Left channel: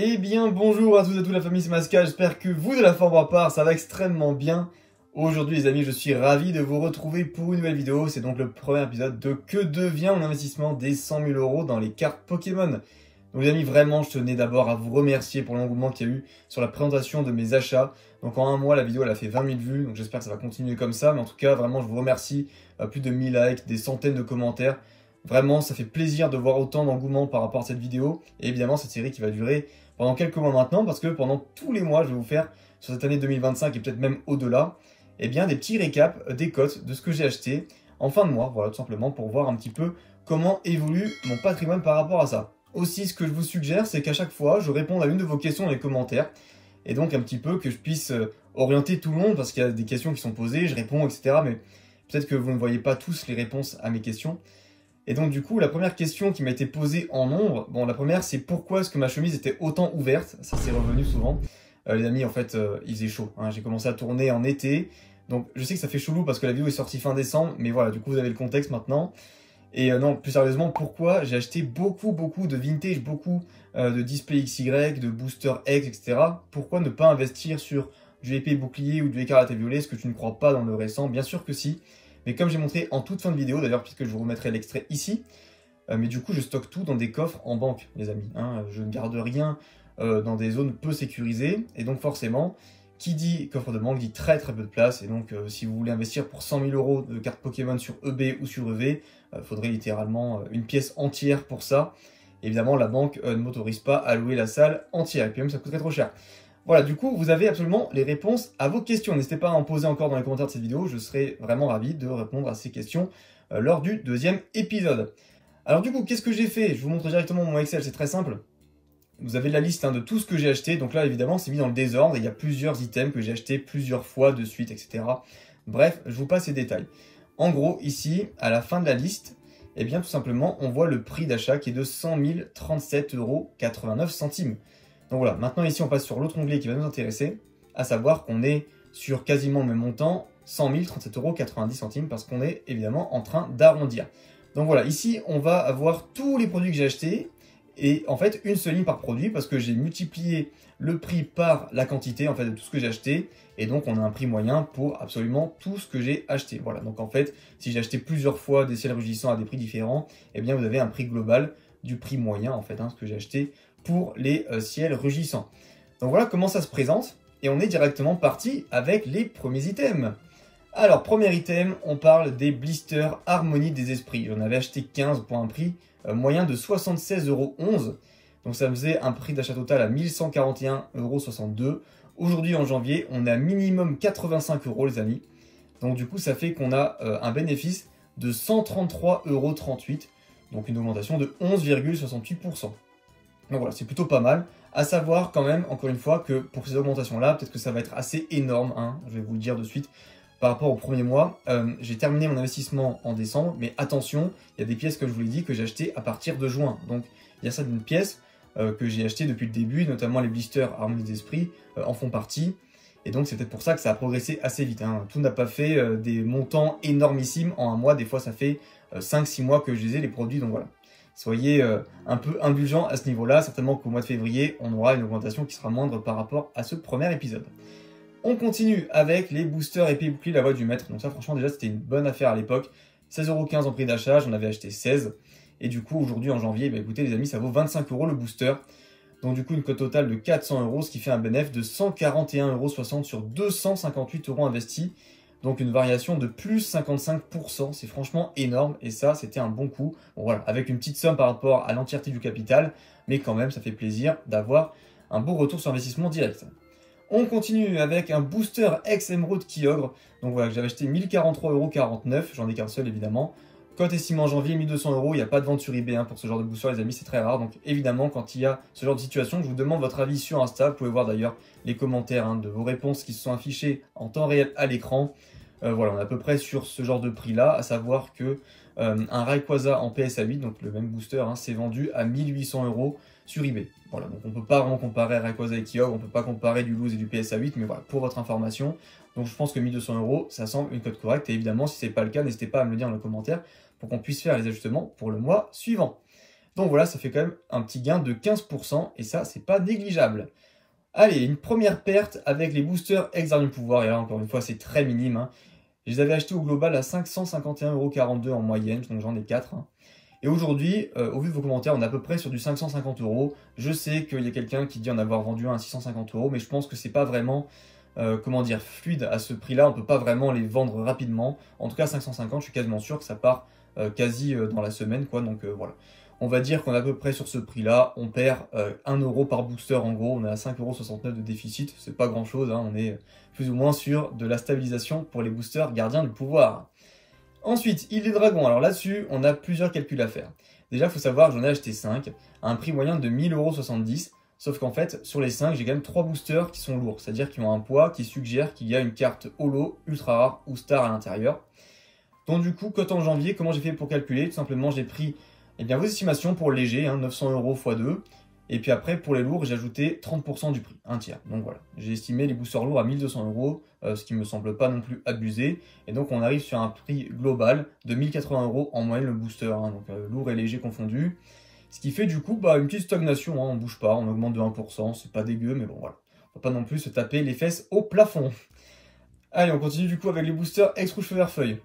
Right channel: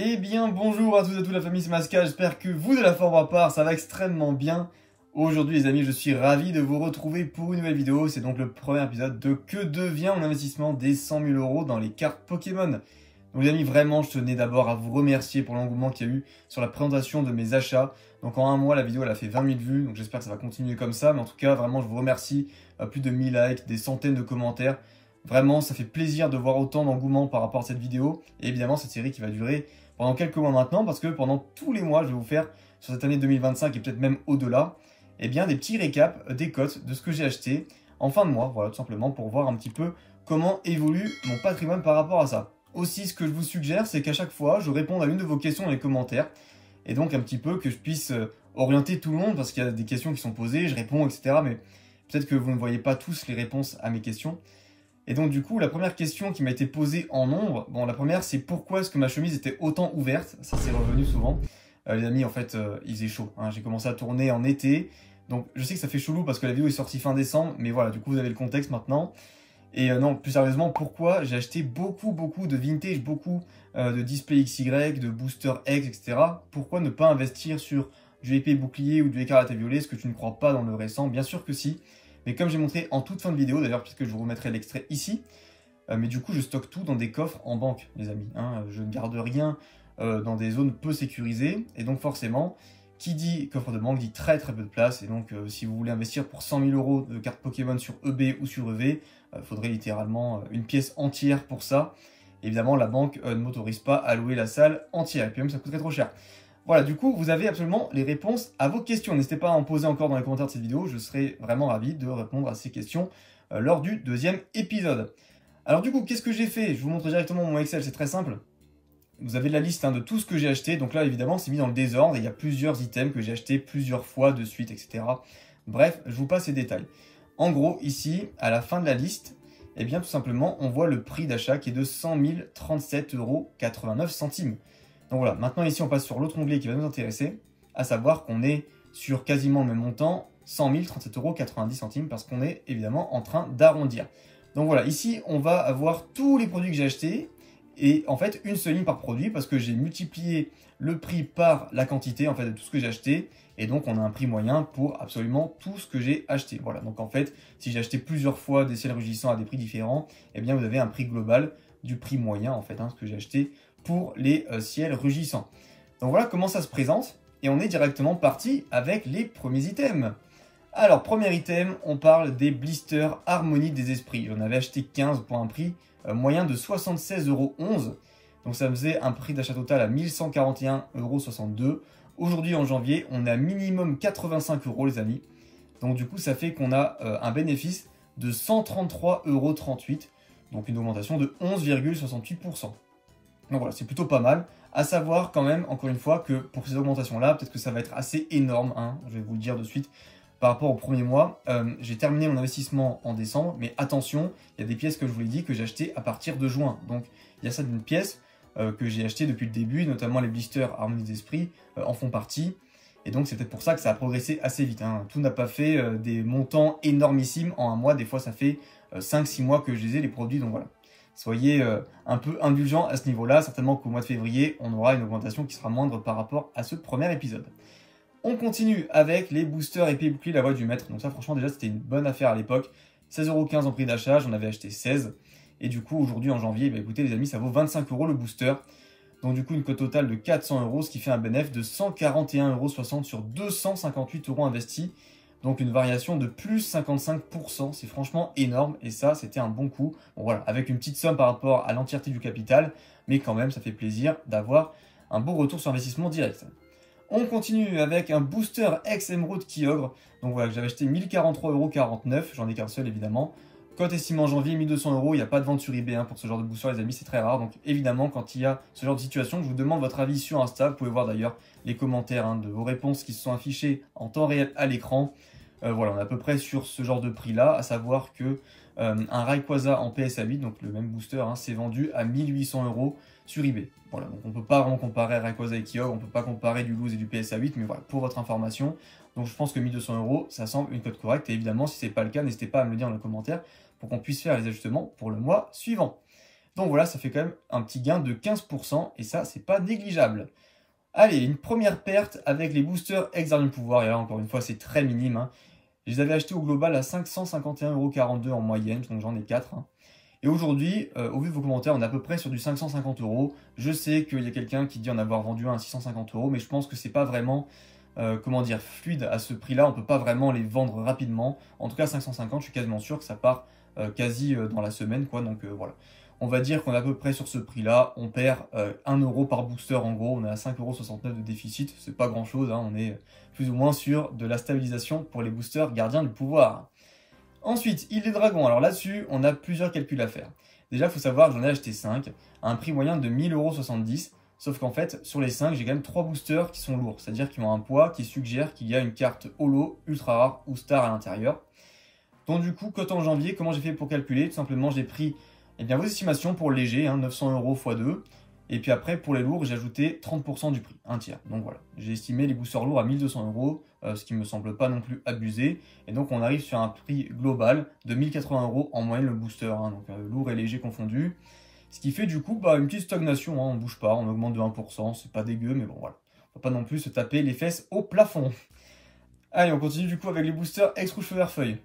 Eh bien bonjour à tous et à toute la famille, c'est Masca, j'espère que vous de la forme à part, ça va extrêmement bien. Aujourd'hui les amis, je suis ravi de vous retrouver pour une nouvelle vidéo, c'est donc le premier épisode de Que devient mon investissement des 100 000 € dans les cartes Pokémon. Donc les amis, vraiment je tenais d'abord à vous remercier pour l'engouement qu'il y a eu sur la présentation de mes achats. Donc en un mois la vidéo elle a fait 20 000 vues, donc j'espère que ça va continuer comme ça, mais en tout cas vraiment je vous remercie, plus de 1000 likes, des centaines de commentaires. Vraiment ça fait plaisir de voir autant d'engouement par rapport à cette vidéo, et évidemment cette série qui va durer pendant quelques mois maintenant, parce que pendant tous les mois, je vais vous faire, sur cette année 2025 et peut-être même au-delà, eh bien des petits récaps des cotes de ce que j'ai acheté en fin de mois, voilà, tout simplement pour voir un petit peu comment évolue mon patrimoine par rapport à ça. Aussi, ce que je vous suggère, c'est qu'à chaque fois, je réponde à une de vos questions dans les commentaires, et donc un petit peu que je puisse orienter tout le monde, parce qu'il y a des questions qui sont posées, je réponds, etc., mais peut-être que vous ne voyez pas tous les réponses à mes questions. Et donc du coup, la première question qui m'a été posée en nombre, bon la première c'est pourquoi est-ce que ma chemise était autant ouverte, ça c'est revenu souvent. Les amis, en fait, il faisait chaud, hein. J'ai commencé à tourner en été, donc je sais que ça fait chelou parce que la vidéo est sortie fin décembre, mais voilà, du coup vous avez le contexte maintenant. Et non, plus sérieusement, pourquoi j'ai acheté beaucoup de vintage, beaucoup de display XY, de booster X, etc. Pourquoi ne pas investir sur du épée bouclier ou du écarlate et violet, ce que tu ne crois pas dans le récent? Bien sûr que si. Mais comme j'ai montré en toute fin de vidéo, d'ailleurs, puisque je vous remettrai l'extrait ici, mais du coup, je stocke tout dans des coffres en banque, les amis, hein. Je ne garde rien dans des zones peu sécurisées. Et donc, forcément, qui dit coffre de banque dit très peu de place. Et donc, si vous voulez investir pour 100 000 € de cartes Pokémon sur EB ou sur EV, il faudrait littéralement une pièce entière pour ça. Évidemment, la banque ne m'autorise pas à louer la salle entière. Et puis même, ça coûterait trop cher. Voilà, du coup, vous avez absolument les réponses à vos questions. N'hésitez pas à en poser encore dans les commentaires de cette vidéo. Je serai vraiment ravi de répondre à ces questions lors du deuxième épisode. Alors du coup, qu'est-ce que j'ai fait? Je vous montre directement mon Excel, c'est très simple. Vous avez la liste de tout ce que j'ai acheté. Donc là, évidemment, c'est mis dans le désordre. Il y a plusieurs items que j'ai achetés plusieurs fois de suite, etc. Bref, je vous passe les détails. En gros, ici, à la fin de la liste, eh bien, tout simplement, on voit le prix d'achat qui est de 100 037,89 €. Donc voilà, maintenant ici on passe sur l'autre onglet qui va nous intéresser, à savoir qu'on est sur quasiment le même montant, 100 037,90 € parce qu'on est évidemment en train d'arrondir. Donc voilà, ici on va avoir tous les produits que j'ai achetés et en fait une seule ligne par produit parce que j'ai multiplié le prix par la quantité en fait de tout ce que j'ai acheté et donc on a un prix moyen pour absolument tout ce que j'ai acheté. Voilà, donc en fait si j'ai acheté plusieurs fois des ciels rugissants à des prix différents, eh bien vous avez un prix global du prix moyen en fait, ce que j'ai acheté pour les ciels rugissants. Donc voilà comment ça se présente. Et on est directement parti avec les premiers items. Alors, premier item, on parle des blisters Harmonie des Esprits. J'en avais acheté 15 pour un prix moyen de 76,11 €. Donc ça faisait un prix d'achat total à 1141,62 €. Aujourd'hui, en janvier, on a minimum 85 € les amis. Donc du coup, ça fait qu'on a un bénéfice de 133,38 €. Donc une augmentation de 11,68%. Donc voilà, c'est plutôt pas mal. À savoir quand même, encore une fois, que pour ces augmentations-là, peut-être que ça va être assez énorme, je vais vous le dire de suite, par rapport au premier mois. J'ai terminé mon investissement en décembre, mais attention, il y a des pièces, comme je vous l'ai dit, que j'ai achetées à partir de juin. Donc il y a certaines pièces que j'ai achetées depuis le début, notamment les blisters Harmonie des Esprits en font partie. Et donc c'est peut-être pour ça que ça a progressé assez vite. Tout n'a pas fait des montants énormissimes en un mois. Des fois, ça fait 5-6 mois que je les ai, les produits, donc voilà. Soyez un peu indulgents à ce niveau-là. Certainement qu'au mois de février, on aura une augmentation qui sera moindre par rapport à ce premier épisode. On continue avec les boosters épée bouclier la voix du maître. Donc ça, franchement, déjà, c'était une bonne affaire à l'époque. 16,15 € en prix d'achat, j'en avais acheté 16. Et du coup, aujourd'hui, en janvier, écoutez les amis, ça vaut 25 € le booster. Donc du coup, une cote totale de 400 €, ce qui fait un bénéfice de 141,60 € sur 258 € investis. Donc une variation de plus 55%, c'est franchement énorme et ça c'était un bon coup. Bon voilà, avec une petite somme par rapport à l'entièreté du capital, mais quand même ça fait plaisir d'avoir un beau retour sur investissement direct. On continue avec un booster ex-émeraude Kyogre. Donc voilà, que j'avais acheté 1043,49 €, j'en ai qu'un seul évidemment. Cote estimée en janvier, 1200 €, il n'y a pas de vente sur eBay pour ce genre de booster les amis, c'est très rare. Donc évidemment quand il y a ce genre de situation, je vous demande votre avis sur Insta. Vous pouvez voir d'ailleurs les commentaires de vos réponses qui se sont affichées en temps réel à l'écran. Voilà, on est à peu près sur ce genre de prix là, à savoir que un Rayquaza en PSA 8, donc le même booster, s'est vendu à 1800 € sur eBay. Voilà, donc on ne peut pas vraiment comparer Rayquaza et Kyogre, on ne peut pas comparer du loose et du PSA 8, mais voilà, pour votre information. Donc je pense que 1200 €, ça semble une cote correcte. Et évidemment, si ce n'est pas le cas, n'hésitez pas à me le dire dans les commentaires pour qu'on puisse faire les ajustements pour le mois suivant. Donc voilà, ça fait quand même un petit gain de 15% et ça, c'est pas négligeable. Allez, une première perte avec les boosters ex-Gardien du Pouvoir. Et là, encore une fois, c'est très minime, hein. Je les avais achetés au global à 551,42 € en moyenne, donc j'en ai 4. Hein. Et aujourd'hui, au vu de vos commentaires, on est à peu près sur du 550 €. Je sais qu'il y a quelqu'un qui dit en avoir vendu un à 650 €, mais je pense que c'est pas vraiment, comment dire, fluide à ce prix-là. On peut pas vraiment les vendre rapidement. En tout cas, 550, je suis quasiment sûr que ça part quasi dans la semaine, quoi. Donc voilà. On va dire qu'on est à peu près sur ce prix-là. On perd 1 € par booster en gros. On est à 5,69 € de déficit. C'est pas grand-chose, hein. On est plus ou moins sur de la stabilisation pour les boosters Gardiens du Pouvoir. Ensuite, Île des Dragons. Alors là-dessus, on a plusieurs calculs à faire. Déjà, il faut savoir que j'en ai acheté 5 à un prix moyen de 1070 €. Sauf qu'en fait, sur les 5, j'ai quand même 3 boosters qui sont lourds. C'est-à-dire qui ont un poids qui suggère qu'il y a une carte holo, ultra rare ou star à l'intérieur. Donc du coup, cote en janvier, comment j'ai fait pour calculer? Tout simplement, j'ai pris vos estimations pour le léger, hein, 900 € x 2. Et puis après, pour les lourds, j'ai ajouté 30% du prix, un tiers. Donc voilà, j'ai estimé les boosters lourds à 1200 €, ce qui me semble pas non plus abusé. Et donc on arrive sur un prix global de 1080 € en moyenne le booster, hein, donc lourd et léger confondus. Ce qui fait du coup une petite stagnation, hein, on ne bouge pas, on augmente de 1%, c'est pas dégueu, mais bon voilà. On va pas non plus se taper les fesses au plafond. Allez, on continue du coup avec les boosters ex-Rouge Feu Vert Feuille.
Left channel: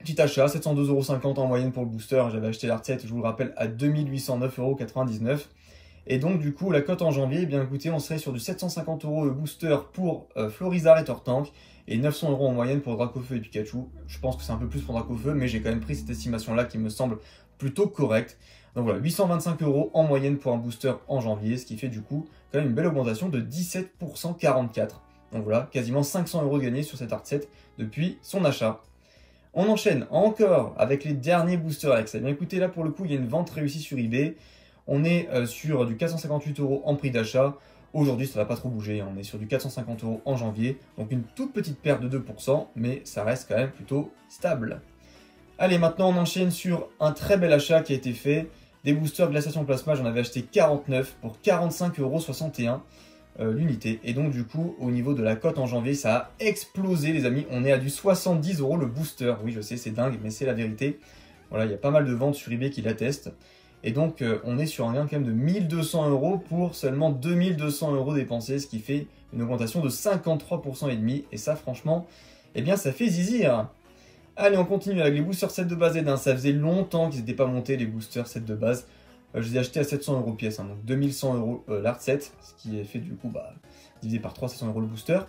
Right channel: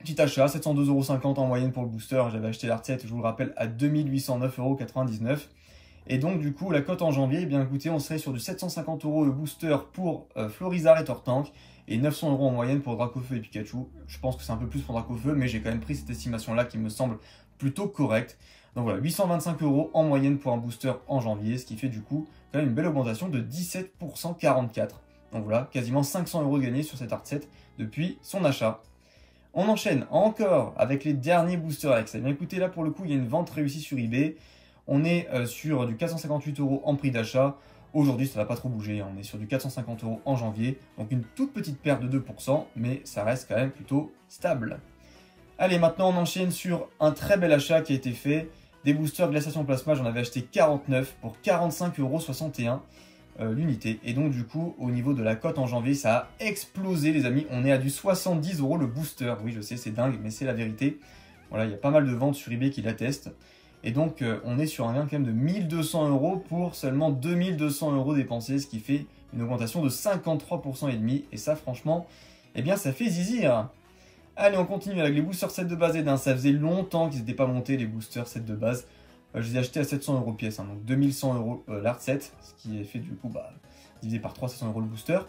Petit achat, 702,50 € en moyenne pour le booster. J'avais acheté l'Art 7, je vous le rappelle, à 2809,99 €. Et donc, du coup, la cote en janvier, eh bien écoutez, on serait sur du 750 € le booster pour Florizard et Tortank et 900 € en moyenne pour Dracofeu et Pikachu. Je pense que c'est un peu plus pour Dracofeu, mais j'ai quand même pris cette estimation-là qui me semble plutôt correcte. Donc voilà, 825 € en moyenne pour un booster en janvier, ce qui fait du coup quand même une belle augmentation de 17,44 %. Donc voilà, quasiment 500 € gagnés sur cet Art 7 depuis son achat. On enchaîne encore avec les derniers boosters Alex. Eh bien écoutez, là pour le coup, il y a une vente réussie sur eBay. On est sur du 458 € en prix d'achat. Aujourd'hui, ça ne va pas trop bouger. On est sur du 450 € en janvier. Donc une toute petite perte de 2%, mais ça reste quand même plutôt stable. Allez, maintenant on enchaîne sur un très bel achat qui a été fait. Des boosters Glaciation Plasma, j'en avais acheté 49 pour 45,61 € l'unité. Et donc du coup, au niveau de la cote en janvier, ça a explosé les amis. On est à du 70 € le booster. Oui, je sais, c'est dingue, mais c'est la vérité. Voilà, il y a pas mal de ventes sur eBay qui l'attestent. Et donc, on est sur un gain quand même de 1200 € pour seulement 2200 € dépensés, ce qui fait une augmentation de 53,5 %. Et ça, franchement, eh bien, ça fait zizir. Allez, on continue avec les boosters 7 de base et d'un. Ça faisait longtemps qu'ils n'étaient pas montés, les boosters 7 de base. Je les ai achetés à 700 € pièce, hein, donc 2100 € l'Art 7, ce qui est fait du coup divisé par 3, 700 € le booster.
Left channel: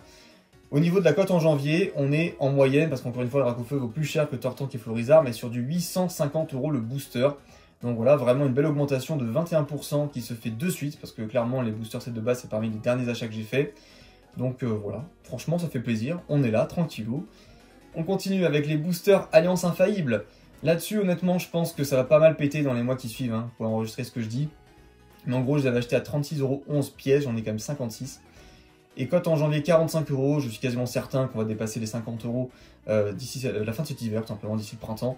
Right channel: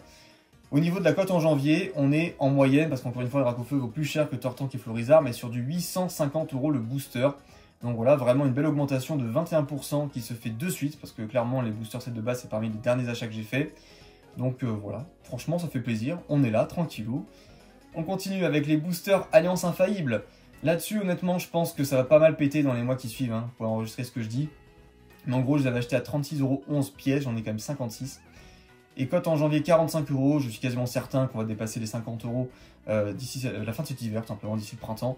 Au niveau de la cote en janvier, on est en moyenne, parce qu'encore une fois, le Dracofeu vaut plus cher que Tortank et Florizard, mais sur du 850 € le booster. Donc voilà, vraiment une belle augmentation de 21% qui se fait de suite, parce que clairement, les boosters 7 de base, c'est parmi les derniers achats que j'ai fait. Donc voilà, franchement, ça fait plaisir. On est là, tranquillou. On continue avec les boosters Alliance Infaillible. Là-dessus, honnêtement, je pense que ça va pas mal péter dans les mois qui suivent, hein, pour enregistrer ce que je dis. Mais en gros, je les avais achetés à 36,11 € pièce, j'en ai quand même 56. Et cote en janvier, 45 €, je suis quasiment certain qu'on va dépasser les 50 € d'ici la fin de cet hiver, tout simplement d'ici le printemps.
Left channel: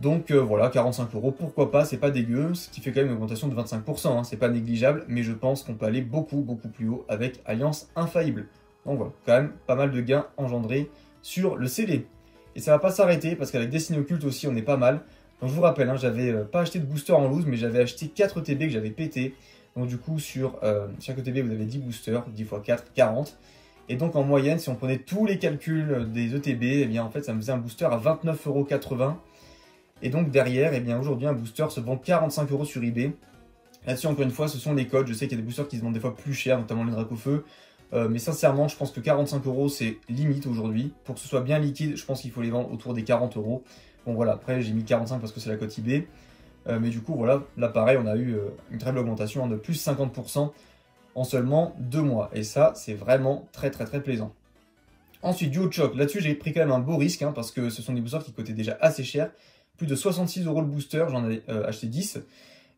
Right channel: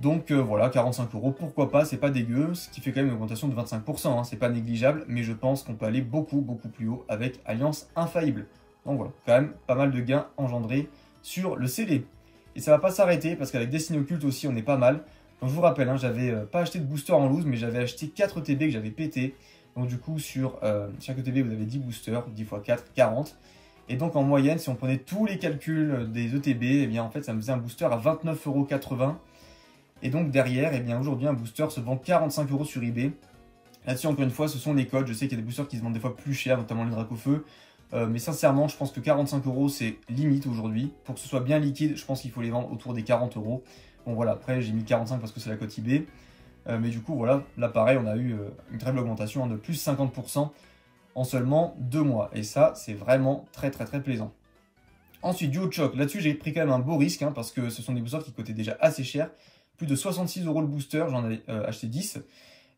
Donc voilà, 45 €, pourquoi pas, c'est pas dégueu, ce qui fait quand même une augmentation de 25%, hein, c'est pas négligeable, mais je pense qu'on peut aller beaucoup plus haut avec Alliance Infaillible. Donc voilà, quand même pas mal de gains engendrés sur le CD. Et ça va pas s'arrêter, parce qu'avec Destinée Occulte aussi, on est pas mal. Donc je vous rappelle, hein, j'avais pas acheté de booster en loose, mais j'avais acheté 4 ETB que j'avais pété. Donc du coup, sur chaque ETB, vous avez 10 boosters, 10 x 4, 40. Et donc en moyenne, si on prenait tous les calculs des ETB, eh bien en fait, ça me faisait un booster à 29,80 €. Et donc derrière, eh bien aujourd'hui, un booster se vend 45 € sur eBay. Là-dessus, encore une fois, ce sont les codes. Je sais qu'il y a des boosters qui se vendent des fois plus cher, notamment le Dracofeu. Mais sincèrement, je pense que 45 € c'est limite aujourd'hui. Pour que ce soit bien liquide, je pense qu'il faut les vendre autour des 40 €. Bon voilà, après j'ai mis 45 parce que c'est la cote eBay. Mais du coup, voilà, là pareil, on a eu une très belle augmentation, hein, de plus 50% en seulement 2 mois. Et ça, c'est vraiment très plaisant. Ensuite, Duo Choc. Là-dessus, j'ai pris quand même un beau risque, hein, parce que ce sont des boosters qui coûtaient déjà assez cher. Plus de 66 € le booster, j'en avais acheté 10.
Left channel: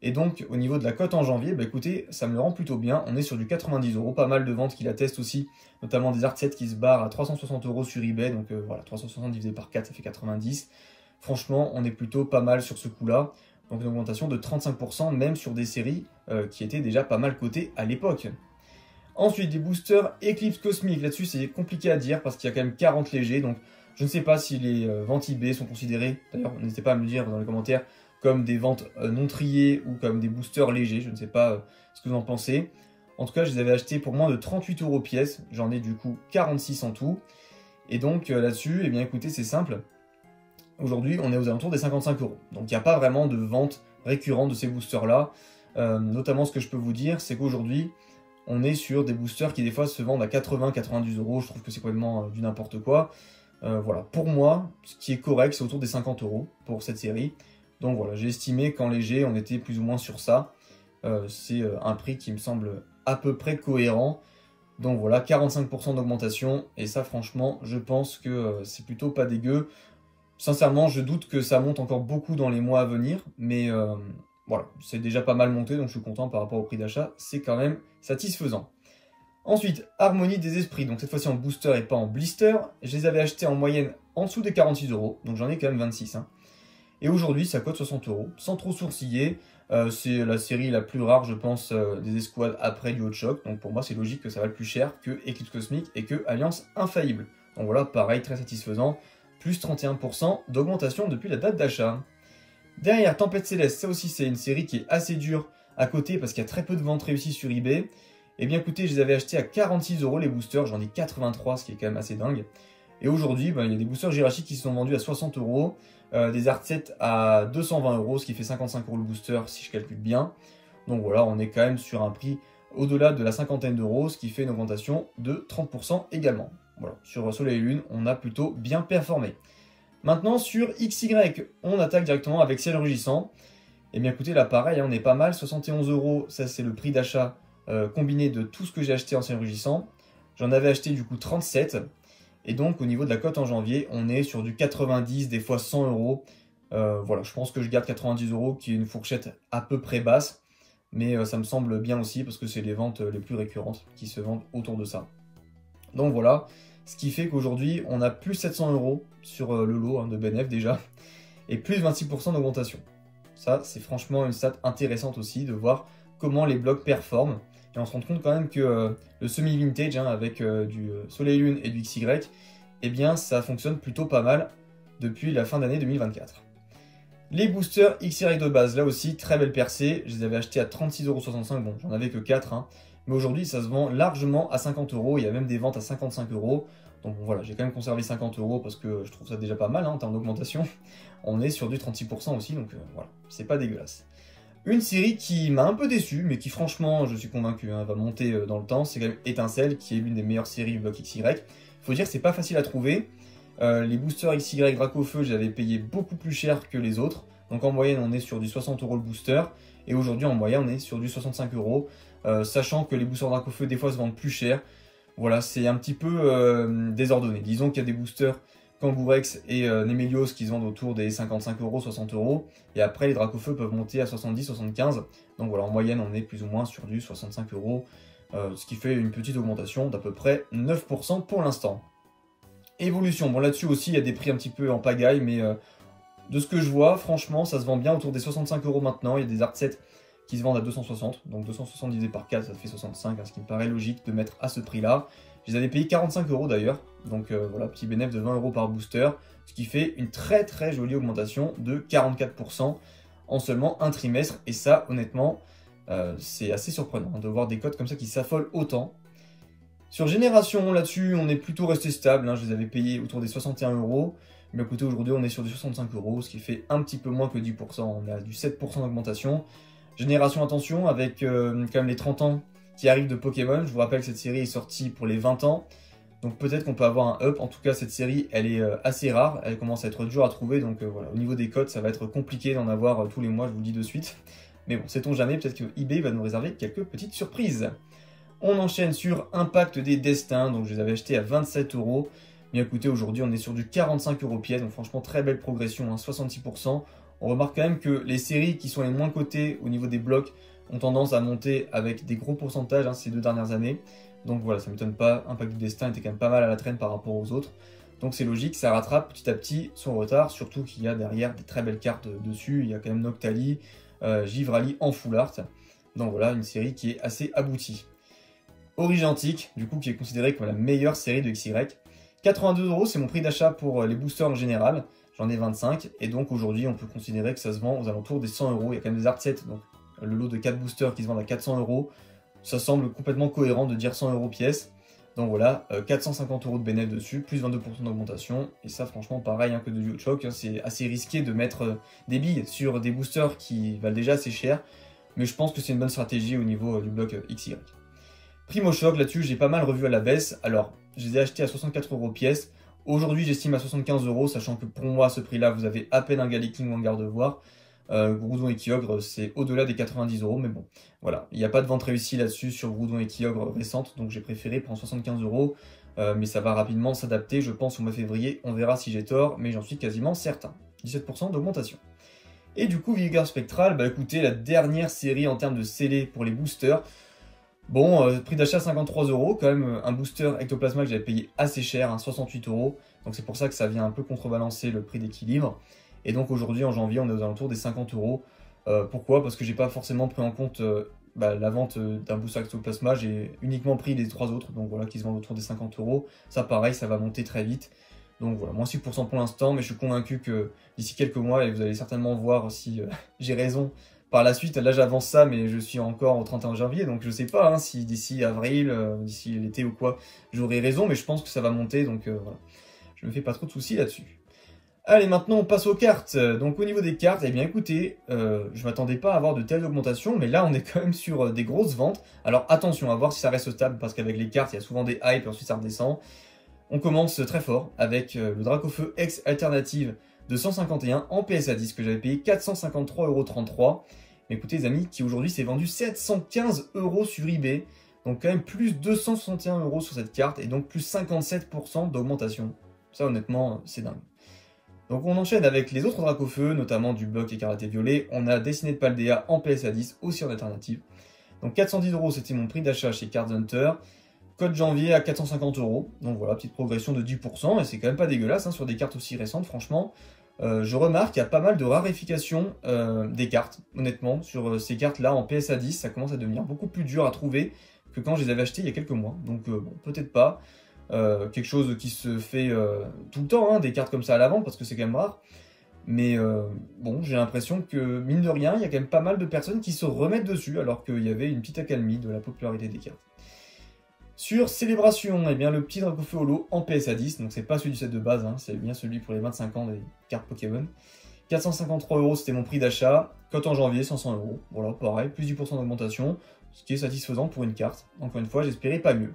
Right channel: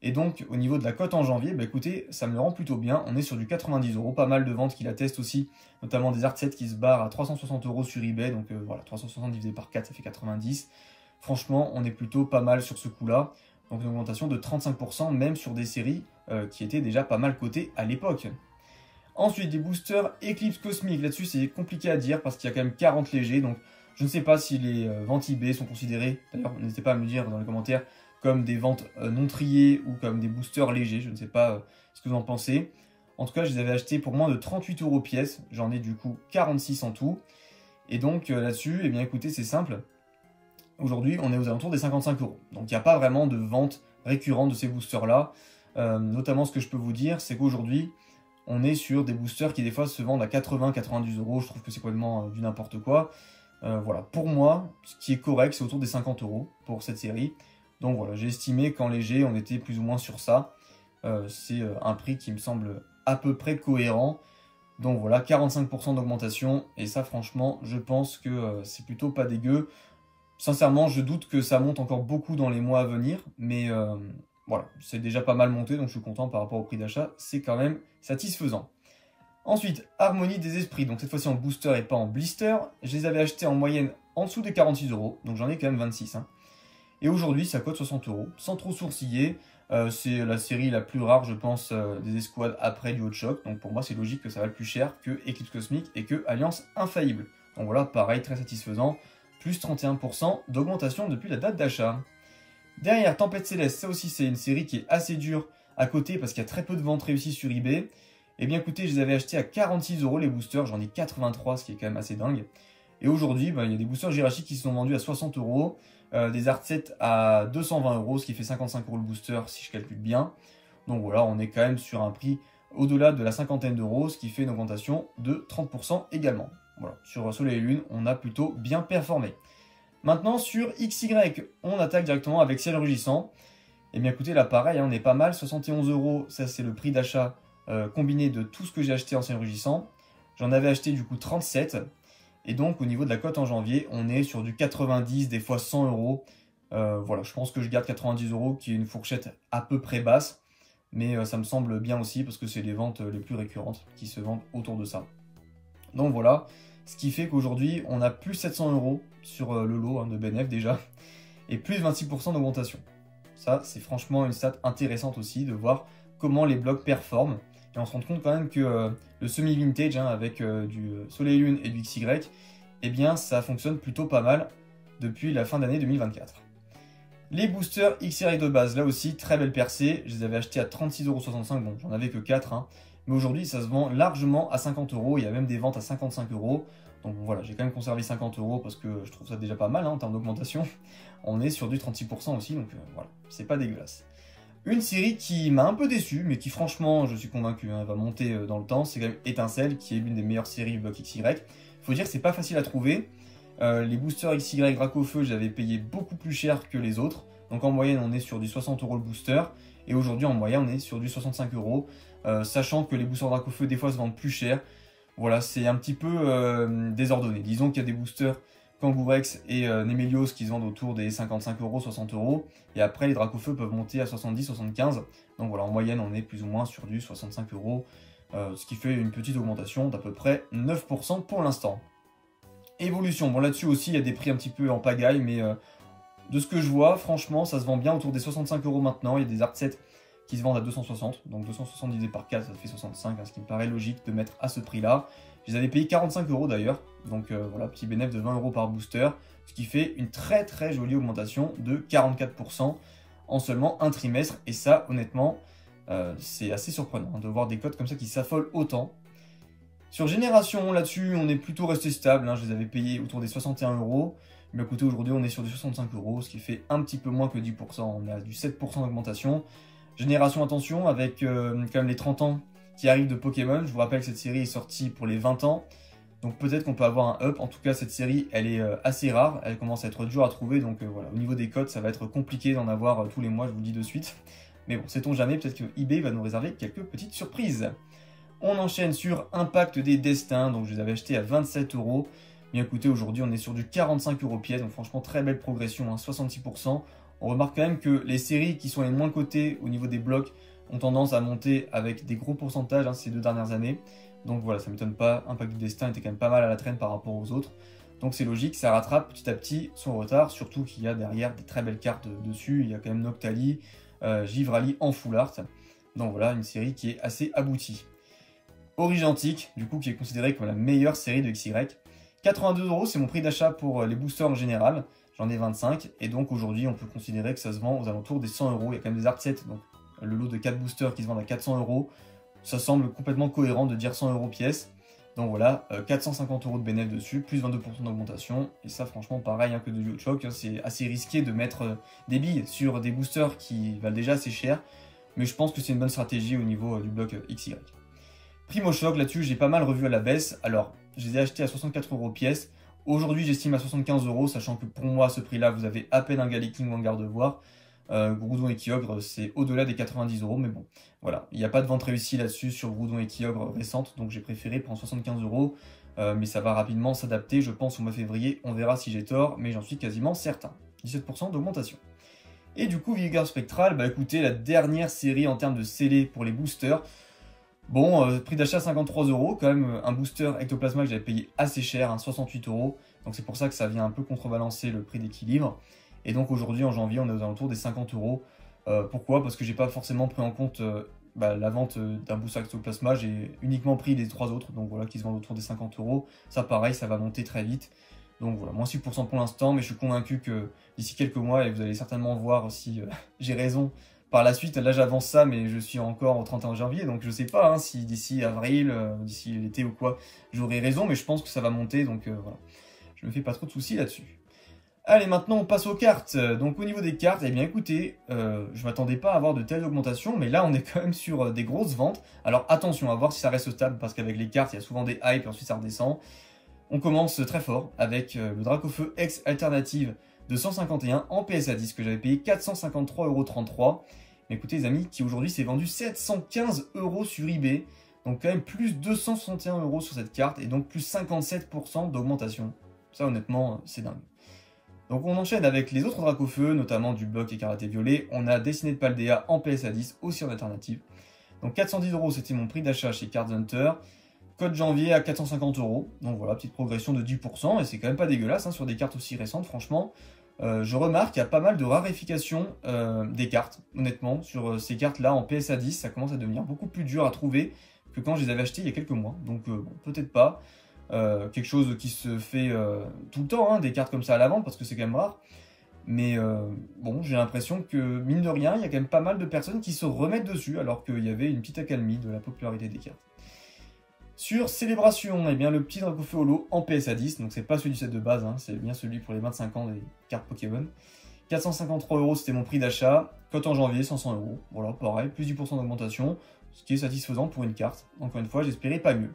Et donc, au niveau de la cote en janvier, bah écoutez, ça me le rend plutôt bien. On est sur du 90 €, pas mal de ventes qui l'attestent aussi, notamment des Art 7 qui se barrent à 360 € sur eBay. Donc voilà, 360 divisé par 4, ça fait 90. Franchement, on est plutôt pas mal sur ce coup-là. Donc une augmentation de 35%, même sur des séries qui étaient déjà pas mal cotées à l'époque. Ensuite, des boosters Eclipse Cosmique. Là-dessus, c'est compliqué à dire parce qu'il y a quand même 40 légers. Donc, je ne sais pas si les ventes eBay sont considérées, d'ailleurs, n'hésitez pas à me le dire dans les commentaires, comme des ventes non triées ou comme des boosters légers. Je ne sais pas ce que vous en pensez. En tout cas, je les avais achetés pour moins de 38 € pièce. J'en ai du coup 46 en tout. Et donc, là-dessus, eh bien, écoutez, c'est simple. Aujourd'hui, on est aux alentours des 55 €. Donc, il n'y a pas vraiment de vente récurrente de ces boosters-là. Notamment, ce que je peux vous dire, c'est qu'aujourd'hui, on est sur des boosters qui des fois se vendent à 80-90 €. Je trouve que c'est complètement du n'importe quoi. Voilà, pour moi, ce qui est correct, c'est autour des 50 € pour cette série. Donc voilà, j'ai estimé qu'en léger, on était plus ou moins sur ça. C'est un prix qui me semble à peu près cohérent. Donc voilà, 45% d'augmentation. Et ça, franchement, je pense que c'est plutôt pas dégueu. Sincèrement, je doute que ça monte encore beaucoup dans les mois à venir. Mais voilà, c'est déjà pas mal monté, donc je suis content par rapport au prix d'achat. C'est quand même satisfaisant. Ensuite, Harmonie des Esprits. Donc cette fois-ci en booster et pas en blister. Je les avais achetés en moyenne en dessous des 46 €. Donc j'en ai quand même 26. Hein. Et aujourd'hui, ça coûte 60 €. Sans trop sourciller. C'est la série la plus rare, je pense, des escouades après du Hot Shock. Donc pour moi, c'est logique que ça va plus cher que Eclipse Cosmique et que Alliance Infaillible. Donc voilà, pareil, très satisfaisant. Plus 31% d'augmentation depuis la date d'achat. Derrière, Tempête Céleste, ça aussi c'est une série qui est assez dure à côté parce qu'il y a très peu de ventes réussies sur eBay. Et bien écoutez, je les avais achetés à 46 € les boosters, j'en ai 83, ce qui est quand même assez dingue. Et aujourd'hui, il y a des boosters Jirachi qui sont vendus à 60 €, des Art 7 à 220 €, ce qui fait 55 € le booster si je calcule bien. Donc voilà, on est quand même sur un prix au-delà de la cinquantaine d'euros, ce qui fait une augmentation de 30% également. Voilà, sur Soleil et Lune, on a plutôt bien performé. Maintenant, sur XY, on attaque directement avec Ciel Rugissant. Et bien écoutez, là pareil, on est pas mal, 71 €, ça c'est le prix d'achat combiné de tout ce que j'ai acheté en Ciel Rugissant. J'en avais acheté du coup 37. Et donc au niveau de la cote en janvier, on est sur du 90, des fois 100 €. Voilà, je pense que je garde 90 € qui est une fourchette à peu près basse. Mais ça me semble bien aussi parce que c'est les ventes les plus récurrentes qui se vendent autour de ça. Donc voilà, ce qui fait qu'aujourd'hui, on a plus 700 € sur le lot de BNF déjà. Et plus 26% d'augmentation. Ça, c'est franchement une stat intéressante aussi de voir comment les blocs performent. Et on se rend compte quand même que le semi-vintage avec du Soleil Lune et du XY, eh bien ça fonctionne plutôt pas mal depuis la fin d'année 2024. Les boosters XY de base, là aussi, très belle percée. Je les avais achetés à 36,65 €, bon j'en avais que 4. Hein. Mais aujourd'hui, ça se vend largement à 50 €, il y a même des ventes à 55 €. Donc voilà, j'ai quand même conservé 50 € parce que je trouve ça déjà pas mal en termes d'augmentation. On est sur du 36% aussi, donc voilà, c'est pas dégueulasse. Une série qui m'a un peu déçu, mais qui franchement, je suis convaincu, va monter dans le temps, c'est quand même Étincelle, qui est l'une des meilleures séries bloc XY. Faut dire que c'est pas facile à trouver. Les boosters XY Dracofeu, j'avais payé beaucoup plus cher que les autres. Donc en moyenne, on est sur du 60 € le booster. Et aujourd'hui, en moyenne, on est sur du 65 €. Sachant que les boosters Dracofeu, des fois, se vendent plus cher. Voilà, c'est un petit peu désordonné. Disons qu'il y a des boosters Kangourex et Nemelios qui se vendent autour des 55 €, 60 €. Et après, les Dracofeu peuvent monter à 70, 75. Donc voilà, en moyenne, on est plus ou moins sur du 65 €. Ce qui fait une petite augmentation d'à peu près 9% pour l'instant. Évolution, bon là-dessus aussi, il y a des prix un petit peu en pagaille, mais de ce que je vois, franchement, ça se vend bien autour des 65 € maintenant. Il y a des Art 7 qui se vendent à 260, donc 260 divisé par 4, ça fait 65, ce qui me paraît logique de mettre à ce prix-là. Je les avais payés 45 € d'ailleurs, donc voilà, petit bénéfice de 20 € par booster, ce qui fait une très très jolie augmentation de 44% en seulement un trimestre. Et ça, honnêtement, c'est assez surprenant de voir des cotes comme ça qui s'affolent autant. Sur Génération, là-dessus, on est plutôt resté stable, je les avais payés autour des 61 €. Mais écoutez, aujourd'hui, on est sur du 65 €, ce qui fait un petit peu moins que 10%, on est à du 7% d'augmentation. Génération, attention, avec quand même les 30 ans qui arrivent de Pokémon. Je vous rappelle que cette série est sortie pour les 20 ans. Donc peut-être qu'on peut avoir un up. En tout cas, cette série, elle est assez rare. Elle commence à être dure à trouver. Donc voilà, au niveau des codes, ça va être compliqué d'en avoir tous les mois, je vous le dis de suite. Mais bon, sait-on jamais, peut-être que eBay va nous réserver quelques petites surprises. On enchaîne sur Impact des Destins. Donc je les avais achetés à 27 €. Mais écoutez, aujourd'hui, on est sur du 45 € pièce. Donc franchement, très belle progression, 66%. On remarque quand même que les séries qui sont les moins cotées au niveau des blocs ont tendance à monter avec des gros pourcentages ces 2 dernières années. Donc voilà, ça ne m'étonne pas. Impact du Destin était quand même pas mal à la traîne par rapport aux autres. Donc c'est logique, ça rattrape petit à petit son retard. Surtout qu'il y a derrière des très belles cartes dessus. Il y a quand même Noctali, Givrali en full art. Donc voilà, une série qui est assez aboutie. Origentic, du coup qui est considéré comme la meilleure série de XY. 82 €, c'est mon prix d'achat pour les boosters en général. J'en ai 25 et donc aujourd'hui on peut considérer que ça se vend aux alentours des 100 €. Il y a quand même des art sets, donc le lot de 4 boosters qui se vendent à 400 €. Ça semble complètement cohérent de dire 100 € pièce. Donc voilà, 450 € de bénéfice dessus, plus 22% d'augmentation. Et ça franchement pareil hein, que de Duochoc, hein, c'est assez risqué de mettre des billes sur des boosters qui valent déjà assez cher. Mais je pense que c'est une bonne stratégie au niveau du bloc XY. Primo Choc, là-dessus j'ai pas mal revu à la baisse. Alors je les ai achetés à 64 € pièce. Aujourd'hui j'estime à 75 €, sachant que pour moi à ce prix-là vous avez à peine un Galaking ou un Gardevoir. Groudon et Kyogre c'est au-delà des 90 €, mais bon, voilà, il n'y a pas de vente réussie là-dessus sur Groudon et Kyogre récente, donc j'ai préféré prendre 75 €, mais ça va rapidement s'adapter, je pense au mois de février, on verra si j'ai tort, mais j'en suis quasiment certain. 17% d'augmentation. Et du coup, Vigor Spectral, bah écoutez, la dernière série en termes de scellés pour les boosters. Bon, prix d'achat 53 €, quand même un booster Ectoplasma que j'avais payé assez cher, hein, 68 €, donc c'est pour ça que ça vient un peu contrebalancer le prix d'équilibre. Et donc aujourd'hui en janvier on est aux alentours des 50 €. Pourquoi? Parce que j'ai pas forcément pris en compte la vente d'un booster Ectoplasma, j'ai uniquement pris les 3 autres, donc voilà, qui se vendent autour des 50 €. Ça pareil, ça va monter très vite. Donc voilà, moins 6% pour l'instant, mais je suis convaincu que d'ici quelques mois, et vous allez certainement voir si j'ai raison par la suite, là j'avance ça, mais je suis encore au 31 janvier, donc je sais pas hein, si d'ici avril, d'ici l'été ou quoi, j'aurai raison, mais je pense que ça va monter, donc voilà. Je me fais pas trop de soucis là-dessus. Allez, maintenant on passe aux cartes. Donc au niveau des cartes, eh bien écoutez, je m'attendais pas à avoir de telles augmentations, mais là on est quand même sur des grosses ventes. Alors attention, à voir si ça reste stable, parce qu'avec les cartes, il y a souvent des hypes et ensuite ça redescend. On commence très fort avec le Dracofeu X Alternative de 151 en PSA 10 que j'avais payé 453,33 €. Mais écoutez les amis, qui aujourd'hui s'est vendu 715 € sur eBay. Donc quand même plus 261 € sur cette carte et donc plus 57% d'augmentation. Ça honnêtement, c'est dingue. Donc on enchaîne avec les autres Dracofeu, notamment du bloc Écarlate et Violet. On a Dessiné de Paldea en PSA 10, aussi en alternative. Donc 410 €, c'était mon prix d'achat chez Card Hunter. Code janvier à 450 €. Donc voilà, petite progression de 10%, et c'est quand même pas dégueulasse hein, sur des cartes aussi récentes, franchement. Je remarque qu'il y a pas mal de raréfication des cartes, honnêtement. Sur ces cartes-là, en PSA 10, ça commence à devenir beaucoup plus dur à trouver que quand je les avais achetées il y a quelques mois. Donc bon, peut-être pas. Quelque chose qui se fait tout le temps, hein, des cartes comme ça à la vente, parce que c'est quand même rare. Mais bon, j'ai l'impression que, mine de rien, il y a quand même pas mal de personnes qui se remettent dessus, alors qu'il y avait une petite accalmie de la popularité des cartes. Sur Célébration, eh bien, le petit Dracofeu Holo en PSA 10, donc c'est pas celui du set de base, hein, c'est bien celui pour les 25 ans des cartes Pokémon. 453 €, c'était mon prix d'achat. Cote en janvier, 500 €. Voilà, pareil, plus 10% d'augmentation, ce qui est satisfaisant pour une carte. Encore une fois, j'espérais pas mieux.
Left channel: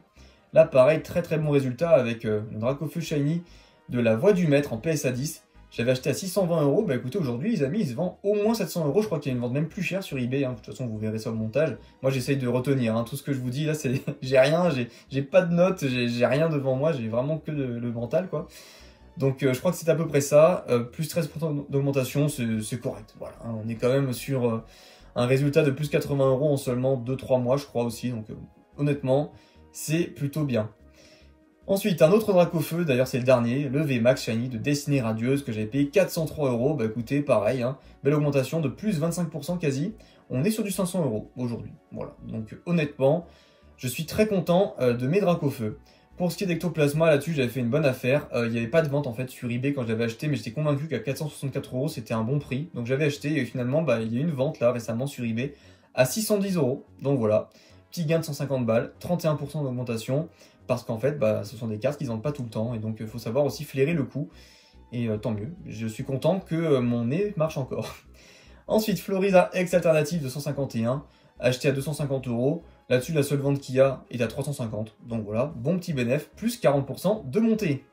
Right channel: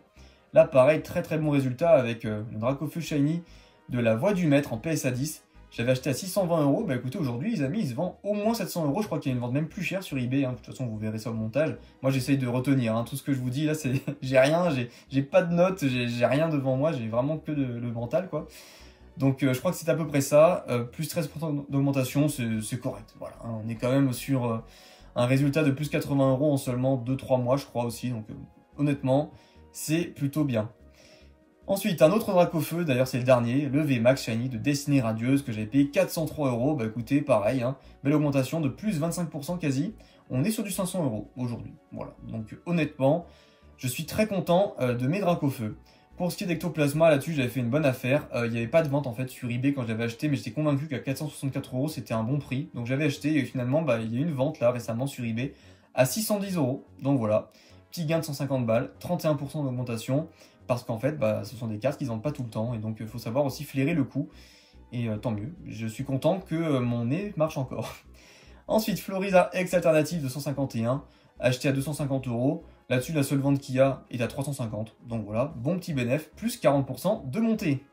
Là, pareil, très très bon résultat avec le Dracofeu Shiny de la Voix du Maître en PSA 10. J'avais acheté à 620 €. Bah écoutez, aujourd'hui, les amis, il se vend au moins 700 €. Je crois qu'il y a une vente même plus chère sur eBay. Hein. De toute façon, vous verrez ça au montage. Moi, j'essaye de retenir. Hein. Tout ce que je vous dis là, c'est j'ai rien, j'ai pas de notes, j'ai rien devant moi. J'ai vraiment que le mental, quoi. Donc, je crois que c'est à peu près ça. Plus 13% d'augmentation, c'est correct. Voilà. Hein. On est quand même sur un résultat de plus 80 € en seulement 2-3 mois, je crois aussi. Donc, honnêtement, c'est plutôt bien. Ensuite, un autre Dracofeu, d'ailleurs c'est le dernier, le VMAX Shiny de Destinée Radieuse que j'avais payé 403 €. Bah écoutez, pareil, hein, belle augmentation de plus 25% quasi. On est sur du 500 € aujourd'hui. Voilà, donc honnêtement, je suis très content de mes Dracofeu. Pour ce qui est d'Ectoplasma, là-dessus j'avais fait une bonne affaire. Il n'y avait pas de vente en fait sur eBay quand je l'avais acheté, mais j'étais convaincu qu'à 464 € c'était un bon prix. Donc j'avais acheté et finalement bah, il y a eu une vente là récemment sur eBay à 610 €. Donc voilà, petit gain de 150 balles, 31% d'augmentation. Parce qu'en fait, bah, ce sont des cartes qui ne vendent pas tout le temps. Et donc, il faut savoir aussi flairer le coup. Et tant mieux. Je suis content que mon nez marche encore. Ensuite, Florida X Alternative de 151. Acheté à 250 €. Là-dessus, la seule vente qu'il y a est à 350. Donc voilà, bon petit bénéfice. Plus 40% de montée.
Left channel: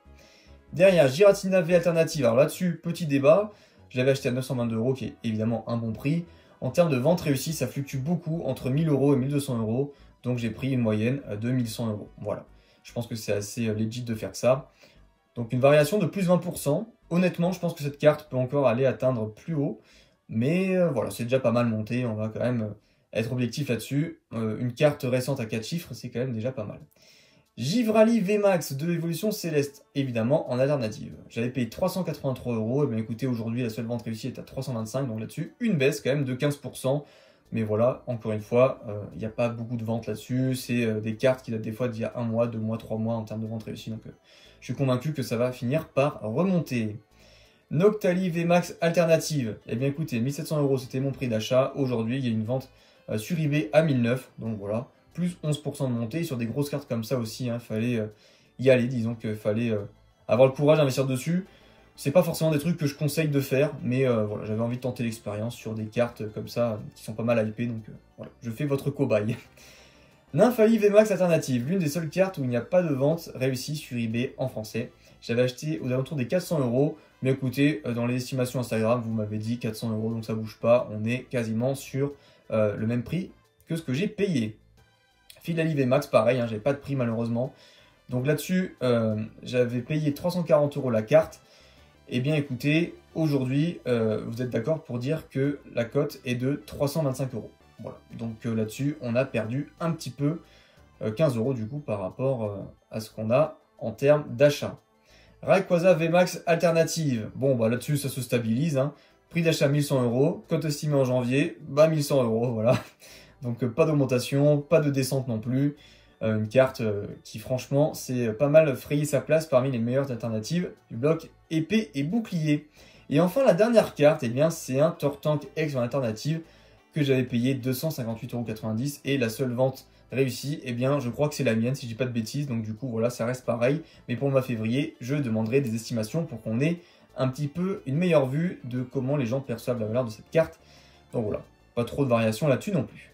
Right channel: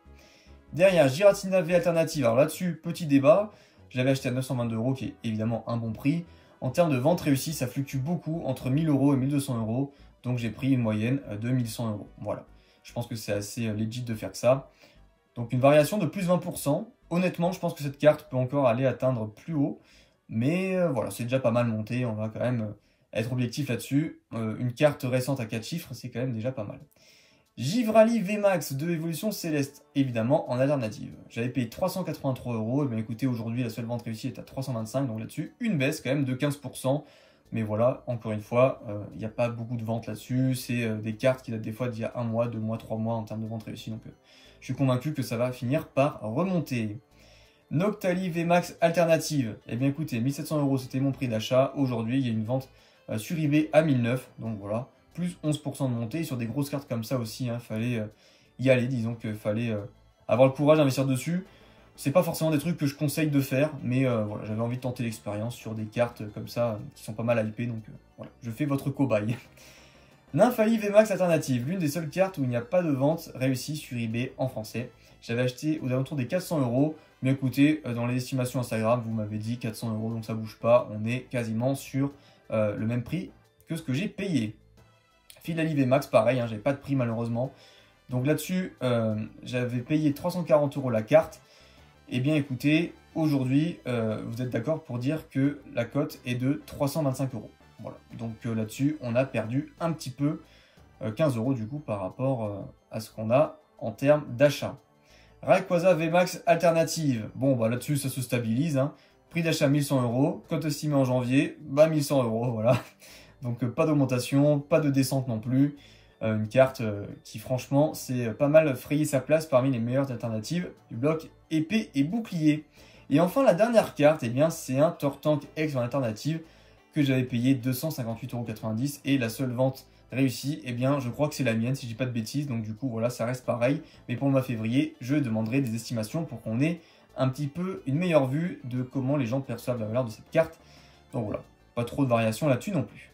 Derrière, Giratina V Alternative. Alors là-dessus, petit débat. Je l'avais acheté à 922 €, qui est évidemment un bon prix. En termes de vente réussie, ça fluctue beaucoup entre 1000 € et 1200 €. Donc j'ai pris une moyenne de 1100 €. Voilà. Je pense que c'est assez legit de faire ça. Donc une variation de plus 20%. Honnêtement, je pense que cette carte peut encore aller atteindre plus haut. Mais voilà, c'est déjà pas mal monté. On va quand même être objectif là-dessus. Une carte récente à 4 chiffres, c'est quand même déjà pas mal. Givrali VMAX de Évolution Céleste, évidemment en alternative. J'avais payé 383 €. Et bien écoutez, aujourd'hui, la seule vente réussie est à 325. Donc là-dessus, une baisse quand même de 15%. Mais voilà, encore une fois, il n'y a pas beaucoup de ventes là-dessus. C'est des cartes qui datent des fois d'il y a 1 mois, 2 mois, 3 mois en termes de vente réussie. Donc je suis convaincu que ça va finir par remonter. Noctali VMAX alternative. Eh bien écoutez, 1700 €, c'était mon prix d'achat. Aujourd'hui, il y a une vente sur eBay à 1009. Donc voilà, plus 11% de montée. Et sur des grosses cartes comme ça aussi, il fallait y aller. Disons qu'il fallait avoir le courage d'investir dessus. C'est pas forcément des trucs que je conseille de faire, mais voilà, j'avais envie de tenter l'expérience sur des cartes comme ça qui sont pas mal hypées. Donc voilà, je fais votre cobaye. Nymphalie VMAX alternative, l'une des seules cartes où il n'y a pas de vente réussie sur eBay en français. J'avais acheté aux alentours des 400 €. Mais écoutez, dans les estimations Instagram, vous m'avez dit 400 €, donc ça bouge pas. On est quasiment sur le même prix que ce que j'ai payé. Philalie VMAX, pareil, j'avais pas de prix malheureusement. Donc là-dessus, j'avais payé 340 € la carte. Eh bien écoutez, aujourd'hui, vous êtes d'accord pour dire que la cote est de 325 €. Voilà, donc là-dessus, on a perdu un petit peu, 15 € du coup par rapport à ce qu'on a en termes d'achat. Rayquaza VMAX alternative. Bon, bah là-dessus, ça se stabilise. Prix d'achat 1100 €. Cote estimée en janvier, 1100 €. Voilà. Donc, pas d'augmentation, pas de descente non plus. Une carte qui, franchement, c'est pas mal frayé sa place parmi les meilleures alternatives du bloc épée et bouclier. Et enfin, la dernière carte, eh bien, c'est un Tortank X en alternative que j'avais payé 258,90 € et la seule vente réussie, eh bien, je crois que c'est la mienne, si je dis pas de bêtises. Donc, du coup, voilà, ça reste pareil. Mais pour le mois de février, je demanderai des estimations pour qu'on ait un petit peu une meilleure vue de comment les gens perçoivent la valeur de cette carte. Donc, voilà, pas trop de variations là-dessus non plus.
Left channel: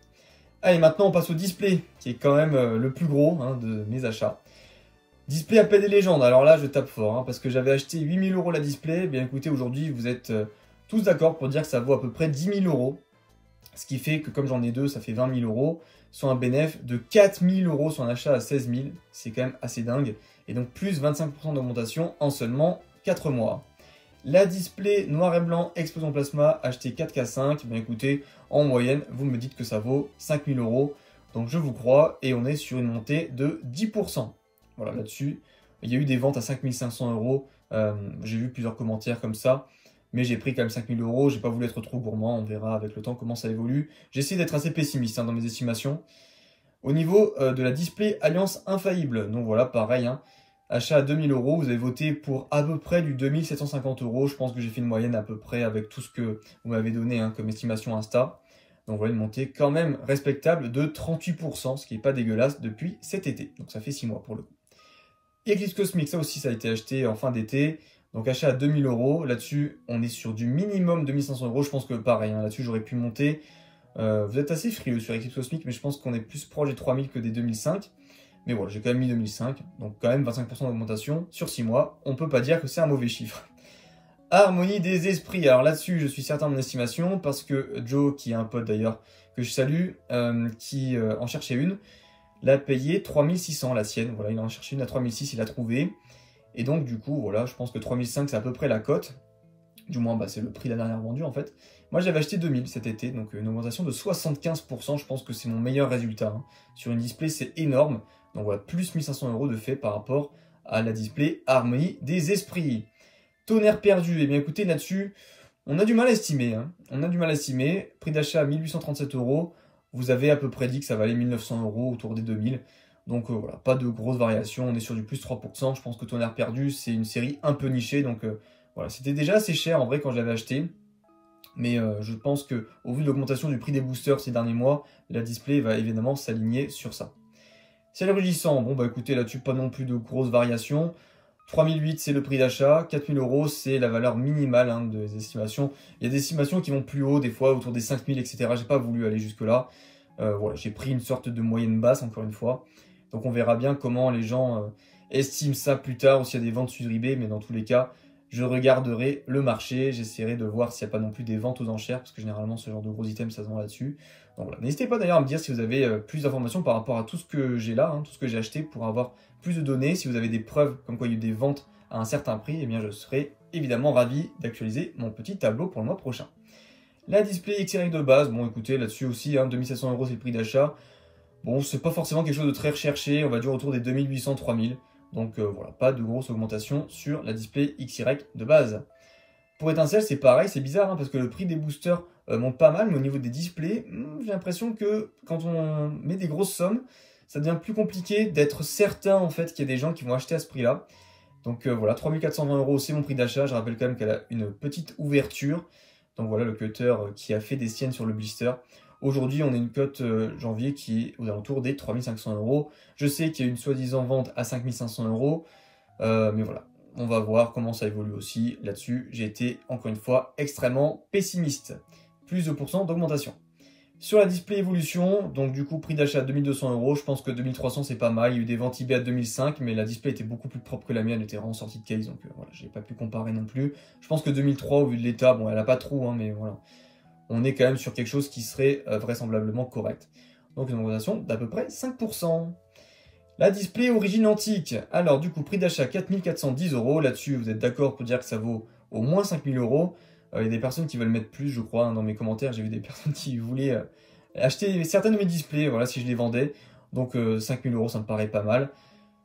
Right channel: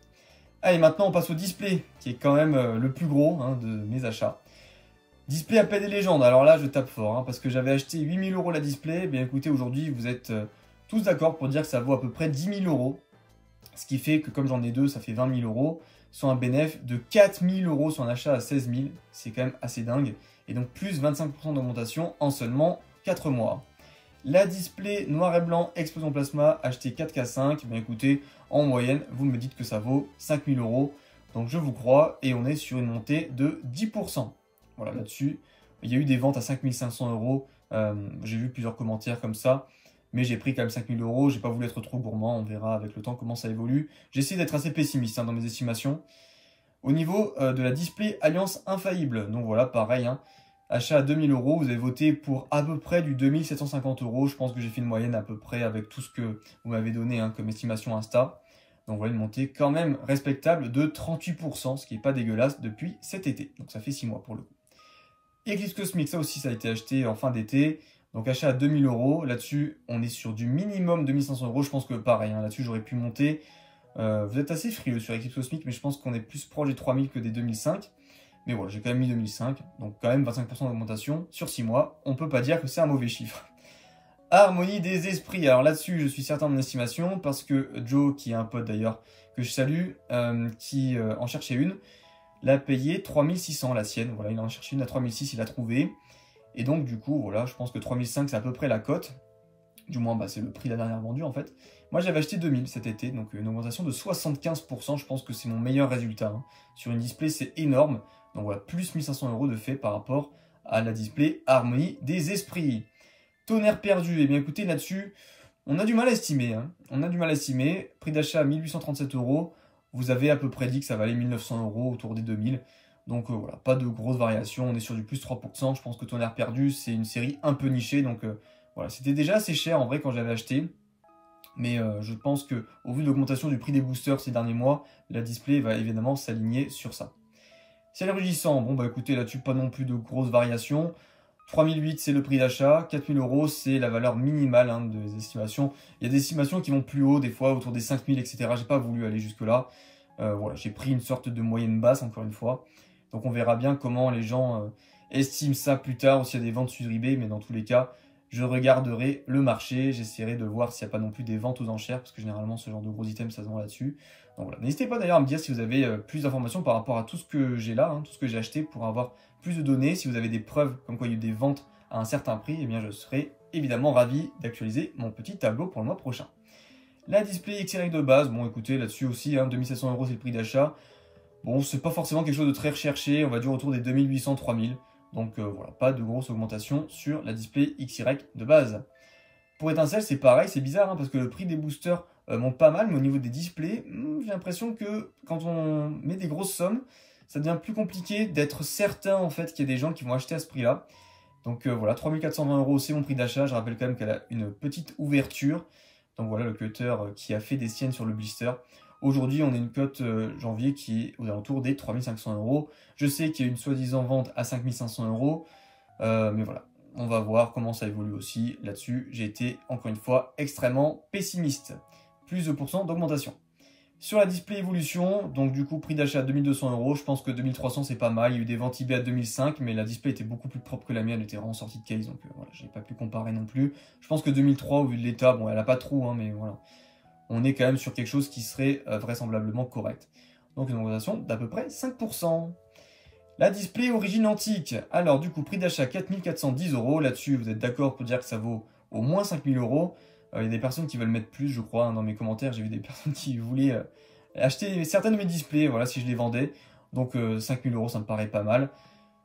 Allez, maintenant, on passe au display, qui est quand même le plus gros de mes achats. Display Appel des légendes. Alors là, je tape fort, parce que j'avais acheté 8000 € la display. Eh bien, écoutez, aujourd'hui, vous êtes tous d'accord pour dire que ça vaut à peu près 10 000 €. Ce qui fait que, comme j'en ai deux, ça fait 20 000 €. Soit un bénéfice de 4 000 € sur un achat à 16 000. C'est quand même assez dingue. Et donc, plus 25% d'augmentation en seulement 4 mois. La display noir et blanc Explosion Plasma, acheté 4K5. Ben écoutez, en moyenne, vous me dites que ça vaut 5 000 €. Donc, je vous crois. Et on est sur une montée de 10%. Voilà, là-dessus, il y a eu des ventes à 5 500 €. J'ai vu plusieurs commentaires comme ça. Mais j'ai pris quand même 5 000 €, j'ai pas voulu être trop gourmand, on verra avec le temps comment ça évolue. J'essaie d'être assez pessimiste dans mes estimations. Au niveau de la display Alliance Infaillible, donc voilà, pareil, achat à 2 000 €, vous avez voté pour à peu près du 2 750 €. Je pense que j'ai fait une moyenne à peu près avec tout ce que vous m'avez donné comme estimation Insta. Donc voilà, une montée quand même respectable de 38%, ce qui n'est pas dégueulasse depuis cet été. Donc ça fait 6 mois pour le coup. Eclipse Cosmic, ça aussi, ça a été acheté en fin d'été. Donc achat à 2 000 €, là-dessus on est sur du minimum 2500 €, je pense que pareil, là-dessus j'aurais pu monter. Vous êtes assez frileux sur Eclipse Cosmic, mais je pense qu'on est plus proche des 3000 que des 2005. Mais voilà, j'ai quand même mis 2005, donc quand même 25% d'augmentation sur 6 mois, on peut pas dire que c'est un mauvais chiffre. Harmonie des esprits, alors là-dessus je suis certain de mon estimation, parce que Joe, qui est un pote d'ailleurs que je salue, qui en cherchait une, l'a payé 3600 la sienne, voilà, il en cherchait une à 3600, il l'a trouvé. Et donc, du coup, voilà, je pense que 3005, c'est à peu près la cote. Du moins, c'est le prix de la dernière vendue, en fait. Moi, j'avais acheté 2000 cet été, donc une augmentation de 75%. Je pense que c'est mon meilleur résultat. Sur une display, c'est énorme. Donc voilà, plus 1500 € de fait par rapport à la display Harmonie des esprits. Tonnerre perdu, eh bien écoutez, là-dessus, on a du mal à estimer. On a du mal à estimer. Prix d'achat à 1837 €. Vous avez à peu près dit que ça valait 1900 €, autour des 2000. Donc voilà, pas de grosses variations, on est sur du plus 3%. Je pense que Tonnerre perdu, c'est une série un peu nichée. Donc voilà, c'était déjà assez cher en vrai quand j'avais acheté. Mais je pense que au vu de l'augmentation du prix des boosters ces derniers mois, la display va évidemment s'aligner sur ça. Ciel rugissant, bon bah écoutez, là-dessus pas non plus de grosses variations. 3008 c'est le prix d'achat, 4000 € c'est la valeur minimale des estimations. Il y a des estimations qui vont plus haut, des fois autour des 5000, etc. J'ai pas voulu aller jusque là. Voilà, j'ai pris une sorte de moyenne basse encore une fois. Donc on verra bien comment les gens estiment ça plus tard ou s'il y a des ventes sur eBay. Mais dans tous les cas, je regarderai le marché. J'essaierai de voir s'il n'y a pas non plus des ventes aux enchères. Parce que généralement, ce genre de gros items, ça se vend là-dessus. Donc voilà. N'hésitez pas d'ailleurs à me dire si vous avez plus d'informations par rapport à tout ce que j'ai là, tout ce que j'ai acheté pour avoir plus de données. Si vous avez des preuves comme quoi il y a eu des ventes à un certain prix, eh bien je serai évidemment ravi d'actualiser mon petit tableau pour le mois prochain. La display XY de base, bon écoutez, là-dessus aussi, 2700 € c'est le prix d'achat. Bon, c'est pas forcément quelque chose de très recherché, on va dire autour des 2800-3000. Donc voilà, pas de grosse augmentation sur la display XY de base. Pour Étincelle, c'est pareil, c'est bizarre hein, parce que le prix des boosters monte pas mal, mais au niveau des displays, j'ai l'impression que quand on met des grosses sommes, ça devient plus compliqué d'être certain en fait qu'il y a des gens qui vont acheter à ce prix-là. Donc voilà, 3420 €, c'est mon prix d'achat. Je rappelle quand même qu'elle a une petite ouverture. Donc voilà le cutter qui a fait des siennes sur le blister. Aujourd'hui, on a une cote janvier qui est aux alentours des 3500 €. Je sais qu'il y a une soi-disant vente à 5500 €. Mais voilà, on va voir comment ça évolue aussi. Là-dessus, j'ai été encore une fois extrêmement pessimiste. Plus de % d'augmentation. Sur la display évolution, donc du coup prix d'achat 2200 €, je pense que 2300 c'est pas mal, il y a eu des ventes eBay à 2005, mais la display était beaucoup plus propre que la mienne, elle était vraiment sortie de case, donc voilà, j'ai pas pu comparer non plus. Je pense que 2003 au vu de l'état, bon elle a pas trop, hein, mais voilà, on est quand même sur quelque chose qui serait vraisemblablement correct. Donc une augmentation d'à peu près 5%. La display origine antique, alors du coup prix d'achat 4410 €, là-dessus vous êtes d'accord pour dire que ça vaut au moins 5000 €. Il y a des personnes qui veulent mettre plus, je crois, hein, dans mes commentaires. J'ai vu des personnes qui voulaient acheter certains de mes displays, voilà, si je les vendais. Donc 5000 €, ça me paraît pas mal.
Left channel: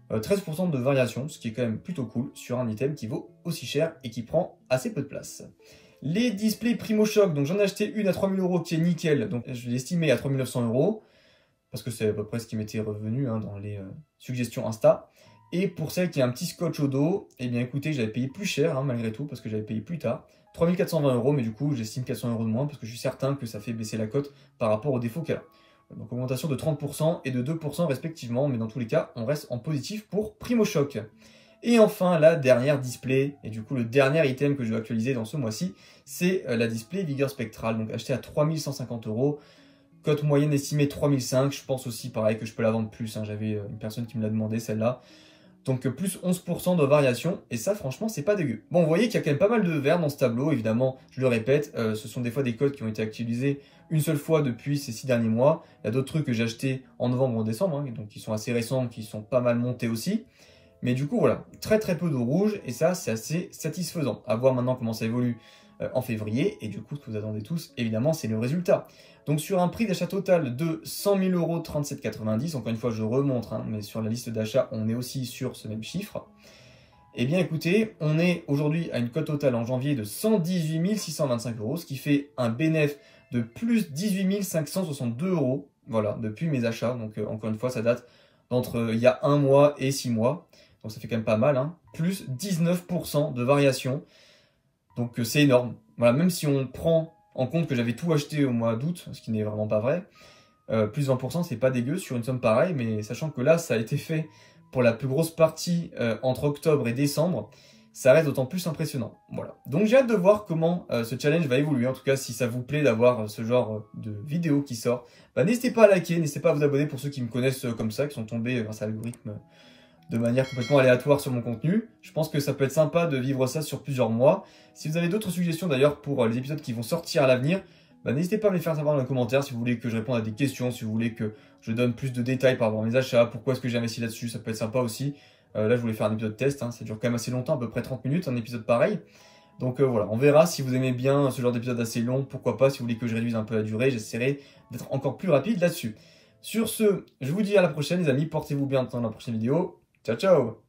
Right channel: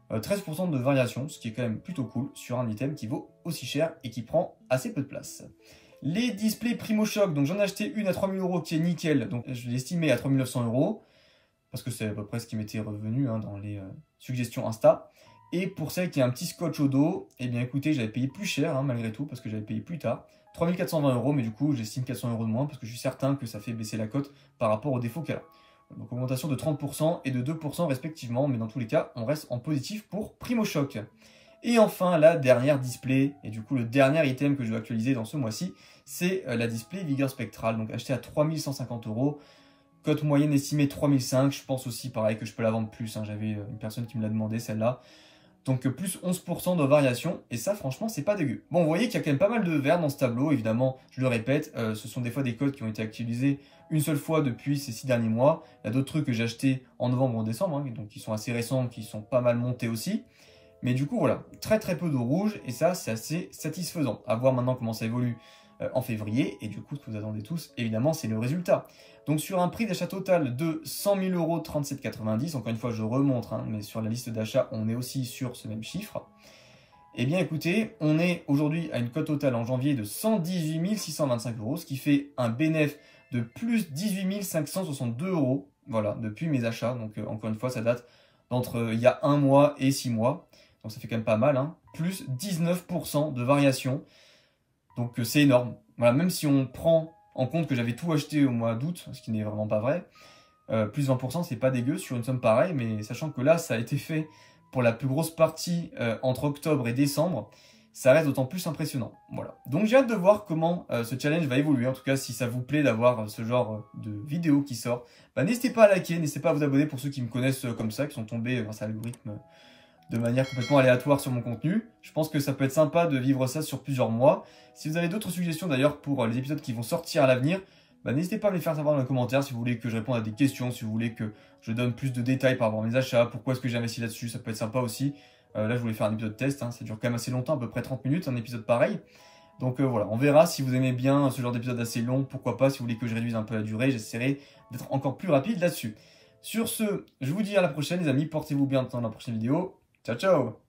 13% de variation, ce qui est quand même plutôt cool sur un item qui vaut aussi cher et qui prend assez peu de place. Les displays Primo Choc, donc j'en ai acheté une à 3000 € qui est nickel. Donc je l'ai estimé à 3900 €, parce que c'est à peu près ce qui m'était revenu hein, dans les suggestions Insta. Et pour celle qui a un petit scotch au dos, eh bien écoutez, j'avais payé plus cher hein, malgré tout, parce que j'avais payé plus tard. 3420 €, mais du coup, j'estime 400 € de moins parce que je suis certain que ça fait baisser la cote par rapport au défaut qu'elle a. Donc, augmentation de 30% et de 2% respectivement, mais dans tous les cas, on reste en positif pour Primo Choc. Et enfin, la dernière display, et du coup, le dernier item que je vais actualiser dans ce mois-ci, c'est la display Vigueur Spectral, donc achetée à 3150 €. Cote moyenne estimée 3005, je pense aussi pareil que je peux la vendre plus, hein. J'avais une personne qui me l'a demandé celle-là. Donc plus 11% de variation, et ça franchement c'est pas dégueu. Bon, vous voyez qu'il y a quand même pas mal de verre dans ce tableau, évidemment, je le répète, ce sont des fois des codes qui ont été actualisés une seule fois depuis ces 6 derniers mois. Il y a d'autres trucs que j'ai achetés en novembre ou en décembre, hein, donc qui sont assez récents, qui sont pas mal montés aussi. Mais du coup voilà, très peu de rouge, et ça c'est assez satisfaisant. À voir maintenant comment ça évolue en février, et du coup ce que vous attendez tous, évidemment, c'est le résultat. Donc sur un prix d'achat total de 100 000 €, 37,90 €, encore une fois je remonte, hein, mais sur la liste d'achat on est aussi sur ce même chiffre. Eh bien écoutez, on est aujourd'hui à une cote totale en janvier de 118 625 €, ce qui fait un bénéfice de plus 18 562 €, voilà, depuis mes achats. Donc encore une fois ça date d'entre il y a 1 mois et 6 mois, donc ça fait quand même pas mal, hein. Plus 19% de variation, donc c'est énorme. Voilà, même si on prend en compte que j'avais tout acheté au mois d'août, ce qui n'est vraiment pas vrai, plus 20%, c'est pas dégueu sur une somme pareille, mais sachant que là, ça a été fait pour la plus grosse partie entre octobre et décembre, ça reste d'autant plus impressionnant. Voilà. Donc j'ai hâte de voir comment ce challenge va évoluer. En tout cas, si ça vous plaît d'avoir ce genre de vidéo qui sort, bah, n'hésitez pas à liker, n'hésitez pas à vous abonner pour ceux qui me connaissent comme ça, qui sont tombés grâce à l'algorithme de manière complètement aléatoire sur mon contenu. Je pense que ça peut être sympa de vivre ça sur plusieurs mois. Si vous avez d'autres suggestions d'ailleurs pour les épisodes qui vont sortir à l'avenir, bah, n'hésitez pas à me les faire savoir dans les commentaires si vous voulez que je réponde à des questions, si vous voulez que je donne plus de détails par rapport à mes achats, pourquoi est-ce que j'ai investi là-dessus, ça peut être sympa aussi. Là je voulais faire un épisode test, hein, ça dure quand même assez longtemps, à peu près 30 minutes, un épisode pareil. Donc voilà, on verra si vous aimez bien ce genre d'épisode assez long, pourquoi pas, si vous voulez que je réduise un peu la durée, j'essaierai d'être encore plus rapide là-dessus. Sur ce, je vous dis à la prochaine les amis, portez-vous bien dans la prochaine vidéo, ciao ciao.